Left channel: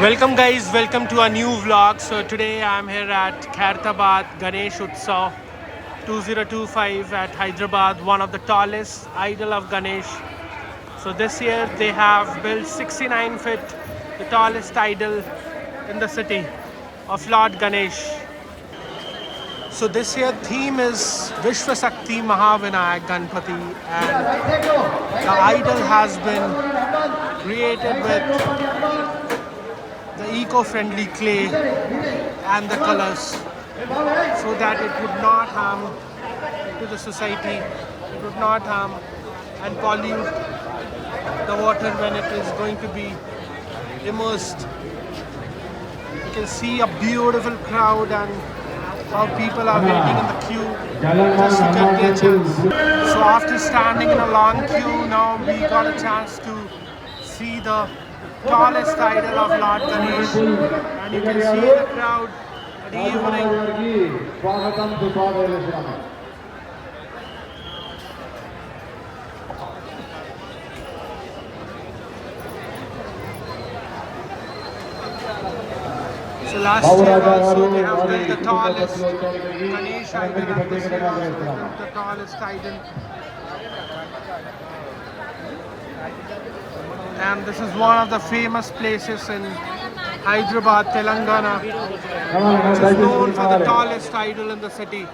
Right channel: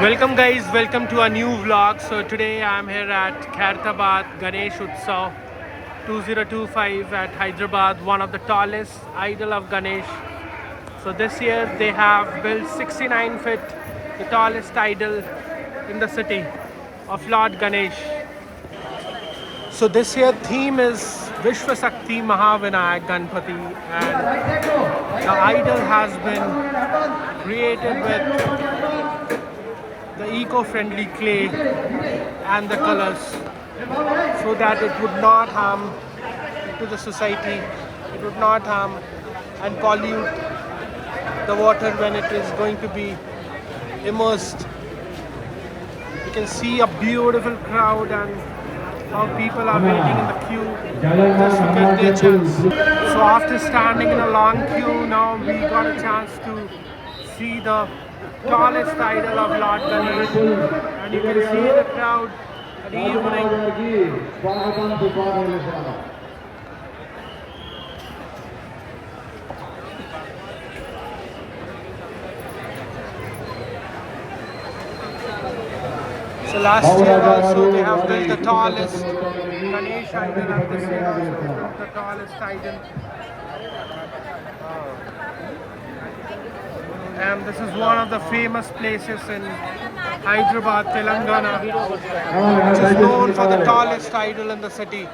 Welcome guys, welcome to a new vlog. So today I'm here at Khairtabad Ganesh Utsav 2025 at Hyderabad, one of the tallest idol of Ganesh. So this year they have built 69 feet, the tallest idol in the city of Lord Ganesh. So this year theme is Vishwasakti Mahavinayak Ganpati, and the idol has been created with the eco-friendly clay and the colors so that it would not harm to the society, it would not harm and pollute the water when it is going to be immersed. You can see a beautiful crowd and how people are waiting in the queue just to get their chance. So after standing in a long queue, now we got a chance to see the tallest idol of Lord Ganesh, and you can see the crowd at the evening. So last year also they have built the tallest Ganesh idol, and this year also they built the tallest idol. And this is one of the famous places in Hyderabad, Telangana, which is known for the tallest idol in the city.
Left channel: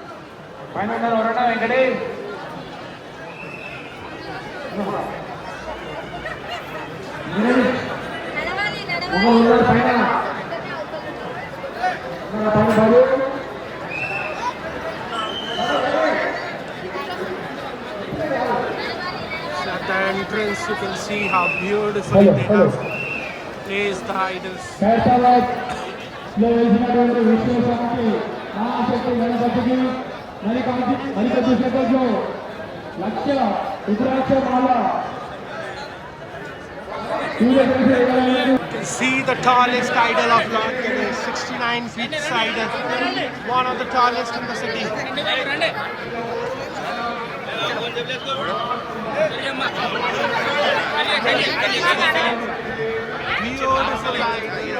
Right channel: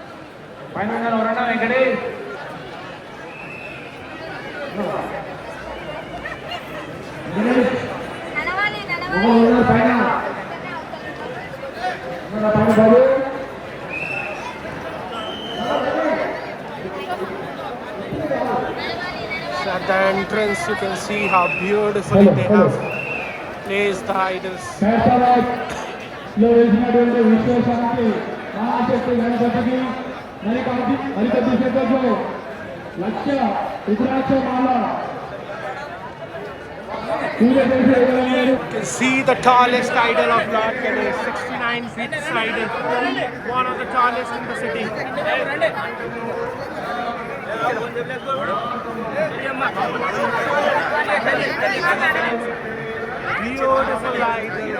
So at the entrance you can see how beautifully they have placed the idols. You can see the tallest idol of Lord Ganesh, 69 feet idol, one of the tallest in the city. Beautiful idol.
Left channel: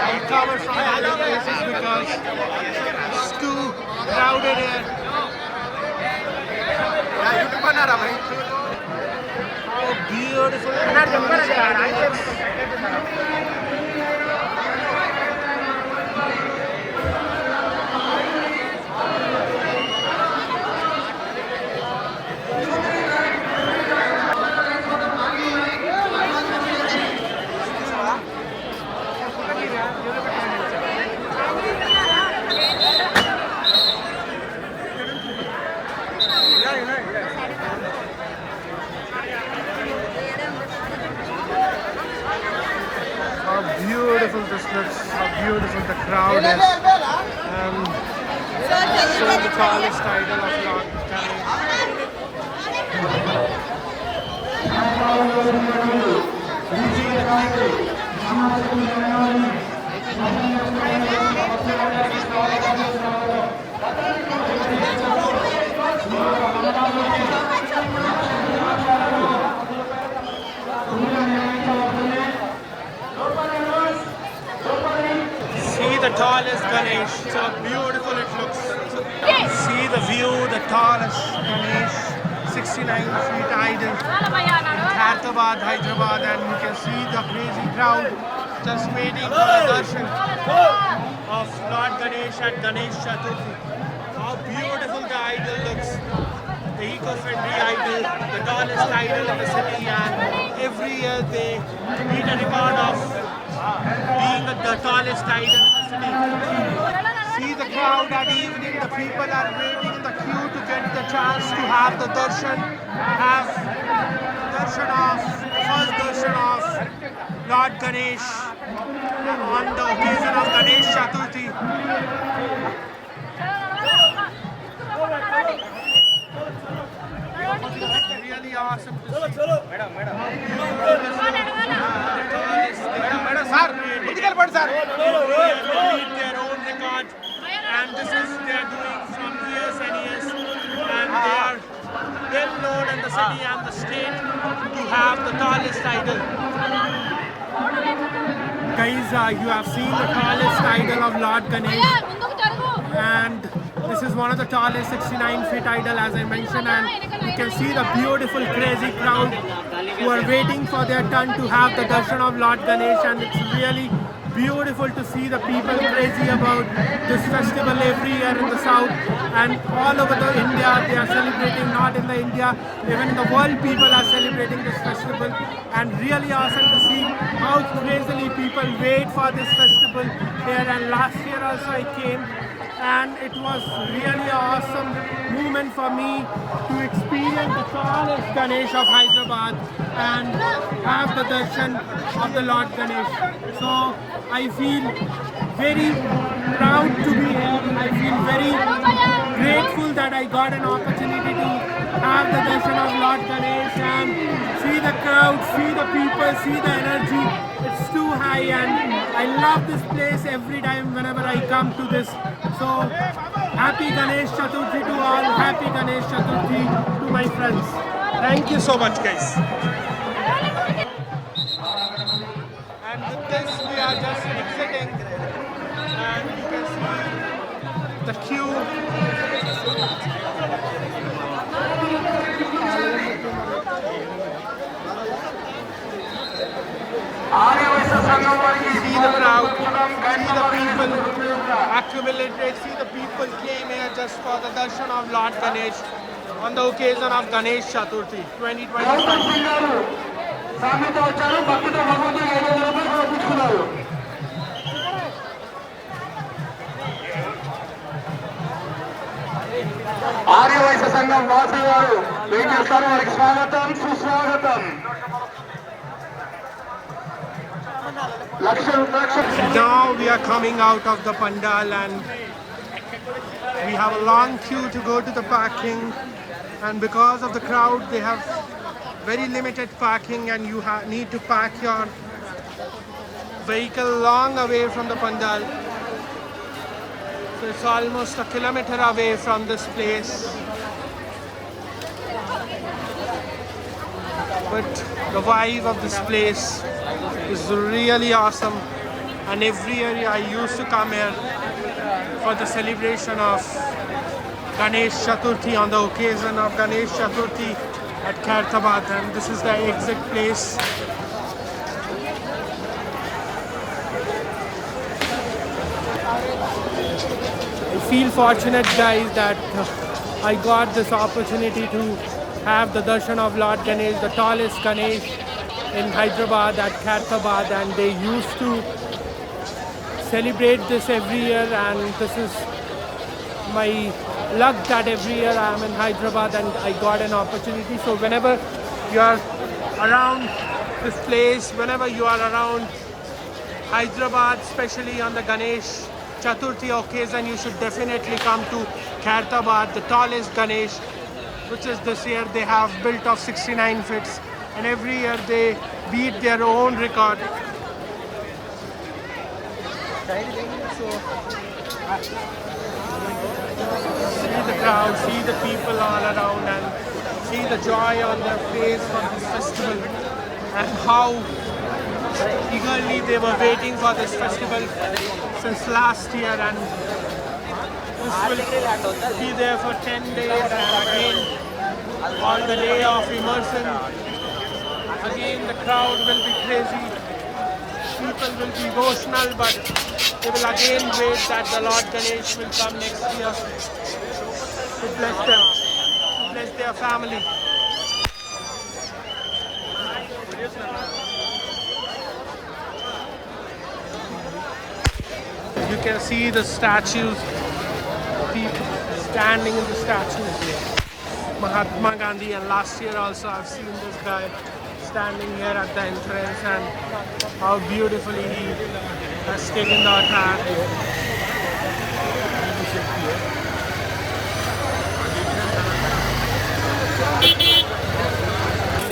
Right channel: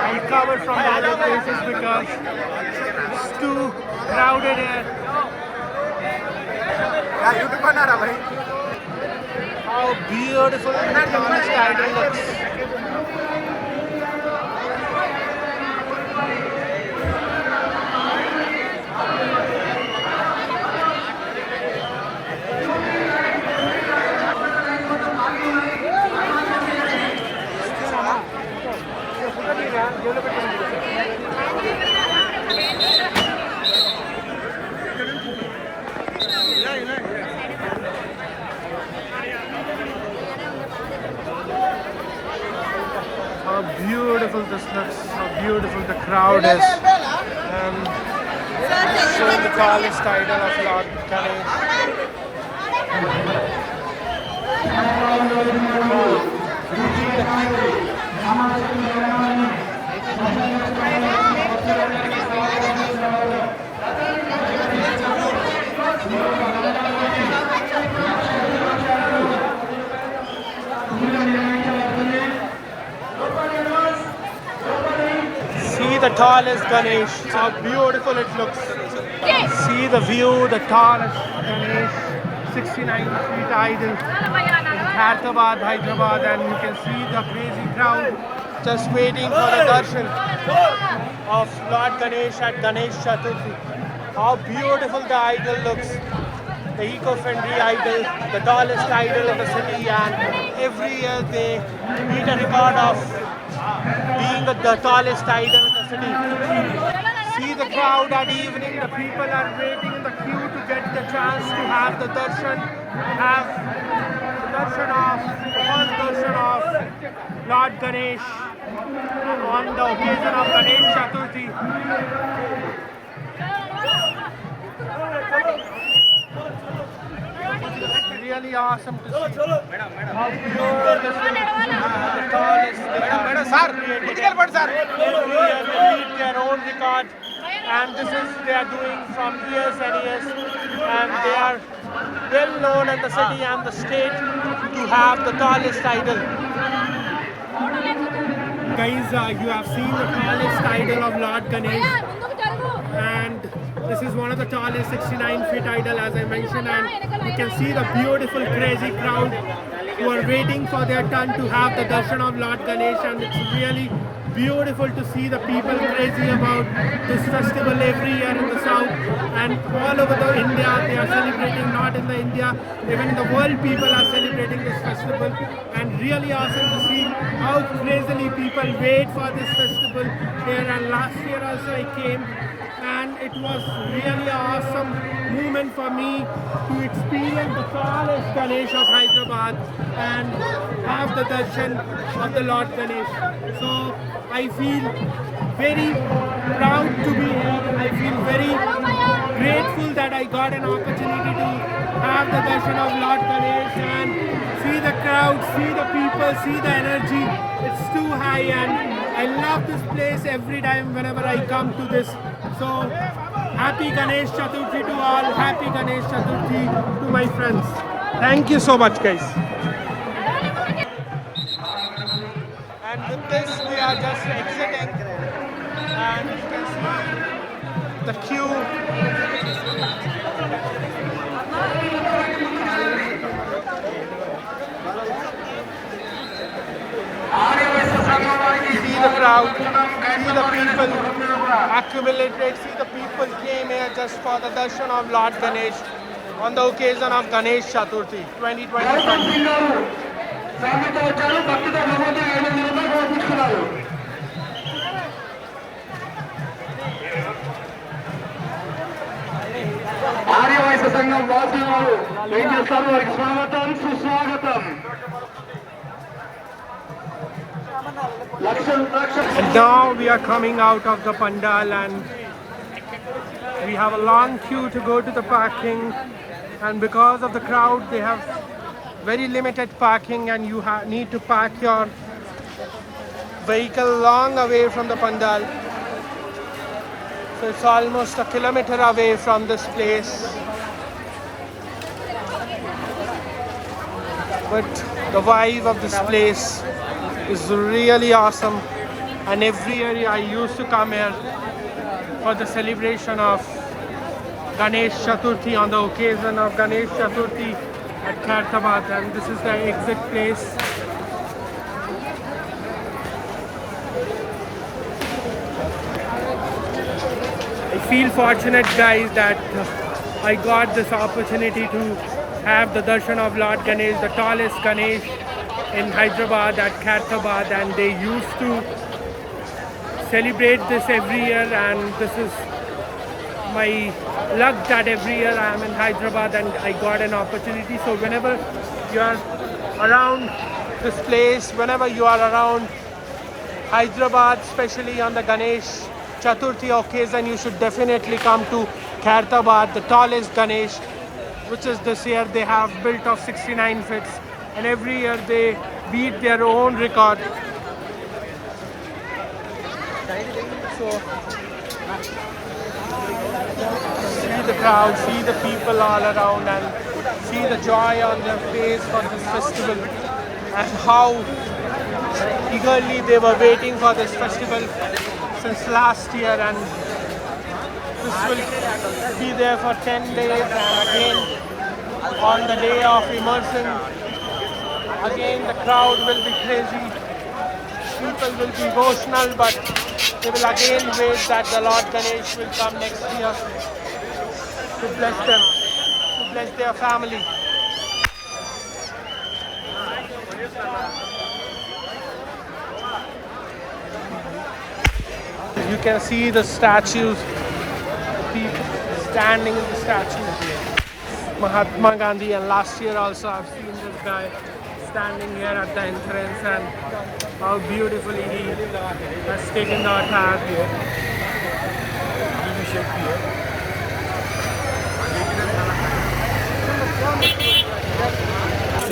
I'll cover from the other places because it's too crowded here. How beautiful the tallest idol looks. How beautiful this looks, how beautiful the crowd is, and showing the tallest idol of Lord Ganesh. See the tallest Ganesh, how beautiful it looks. See the view, the tallest Ganesh, 69 feet idol in Khairtabad, Hyderabad, and you can see the crazy crowd just waiting for the darshan of Lord Ganesh at Ganesh Chaturthi. How beautiful the idol looks. The eco-friendly idol, the tallest idol in the city, and every year they beat a record of being the tallest idol in the city. See the crowd at evening, the people are waiting in the queue to get the chance to have the darshan, the first darshan of Lord Ganesh on the occasion of Ganesh Chaturthi. Really awesome to see how beautiful the tallest they beat their own record, and this is they are doing from years and years, and they are well known in the city and the state to have the tallest idol. Guys, you have seen the tallest idol of Lord Ganesh, and this is one of the tallest 69 feet idol, as I mentioned, and you can see the beautiful crazy crowd who are waiting for their turn to have the darshan of Lord Ganesh, and it's really beautiful to see the people crazy about this festival every year in the south, and all over the India they are celebrating, not in the India, even in the world people are celebrating this festival, and really awesome to see how crazily people wait for this festival here. And last year also I came, and it was really an awesome moment for me to experience the tallest Ganesh of Hyderabad and have the darshan of the Lord Ganesh. So I feel very proud to be here. I feel very grateful that I got an opportunity to have the darshan of Lord Ganesh and see the crowd, see the people, see the energy. It's too high, and I love this place every time whenever I come to this. So happy Ganesh Chaturthi to all, happy Ganesh Chaturthi to my friends. Thank you so much, guys. And with this we are just exiting, and you can see the queue. See the crowd, see the people accumulated, see the people came here just for the darshan of Lord Ganesh on the occasion of Ganesh Chaturthi 2025. Aryavysya సంఘం వాసి వారు వెంకటేశ్వర వారికి స్వాగతం సుస్వాగతం. And now we are coming out of the pandal, and we have a long queue to go to the parking, and because of the crowd they have very limited parking, and you need to park your vehicle long away from the pandal. So it's almost a kilometer away from this place, but the vibe of this place is really awesome, and every year I used to come here for the celebration of Ganesh Chaturthi on the occasion of Ganesh Chaturthi at Khairtabad, and this is the exit place. I feel fortunate, guys, that I got this opportunity to have the darshan of Lord Ganesh, the tallest Ganesh in Hyderabad at Khairtabad, and they used to celebrate this every year, and this is my luck that every year I am in Hyderabad and I got an opportunity. So whenever you are around this place, whenever you are around Hyderabad, especially on the Ganesh Chaturthi occasion, you should definitely come to Khairtabad, the tallest Ganesh, which is this year they have built of 69 feet, and every year they beat their own record. So see the crowd, see the people all around, and see the joy on their face for this festival, and how eagerly they were waiting for this festival since last year, and this will be there for 10 days, and again on the day of immersion, again the crowd will be crazy, people will be emotional, but they will again wait that the Lord Ganesh will come next year to bless them, to bless their family. You can see the statues, people standing in the statues. Mahatma Gandhi, and last year also I've seen this guy standing here at the entrance, and how beautifully he has taken the attire.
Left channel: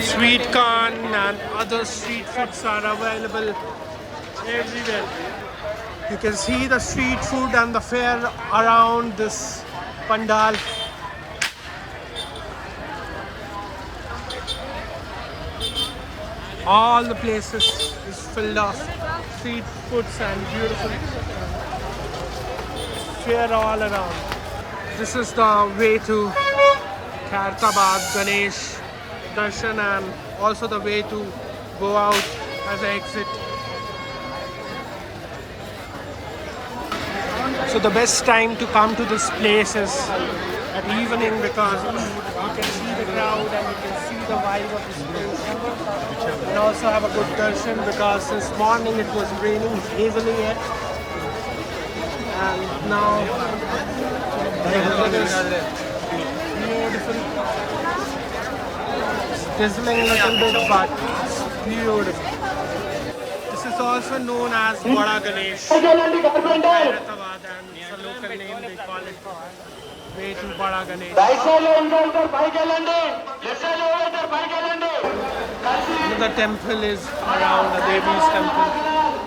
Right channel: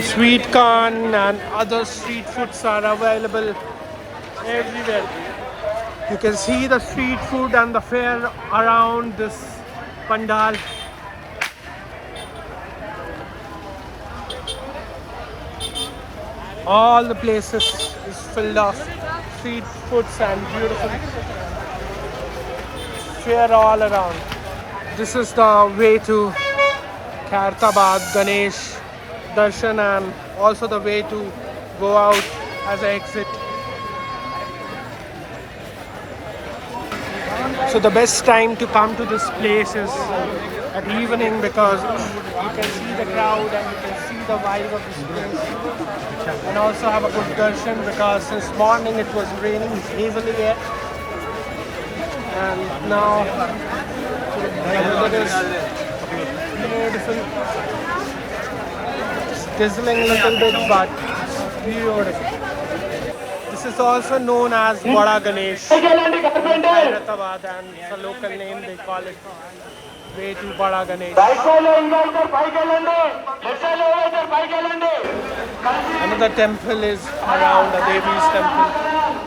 Sweet corn and other street foods are available everywhere. You can see the street food and the fair around this pandal. All the places is filled of street foods and beautiful fair all around. This is the way to Khairtabad Ganesh Darshan and also the way to go out as an exit. So the best time to come to this place is at evening because you can see the crowd and you can see the vibe of this place and also have a good darshan because since morning it was raining heavily here and now the weather is beautiful. Drizzling a little bit but it's beautiful. This is also known as Bada Ganesh, Khairatabad, and it's a local name. They call it way to Bada Ganesh. Another temple is around, the Devi's temple.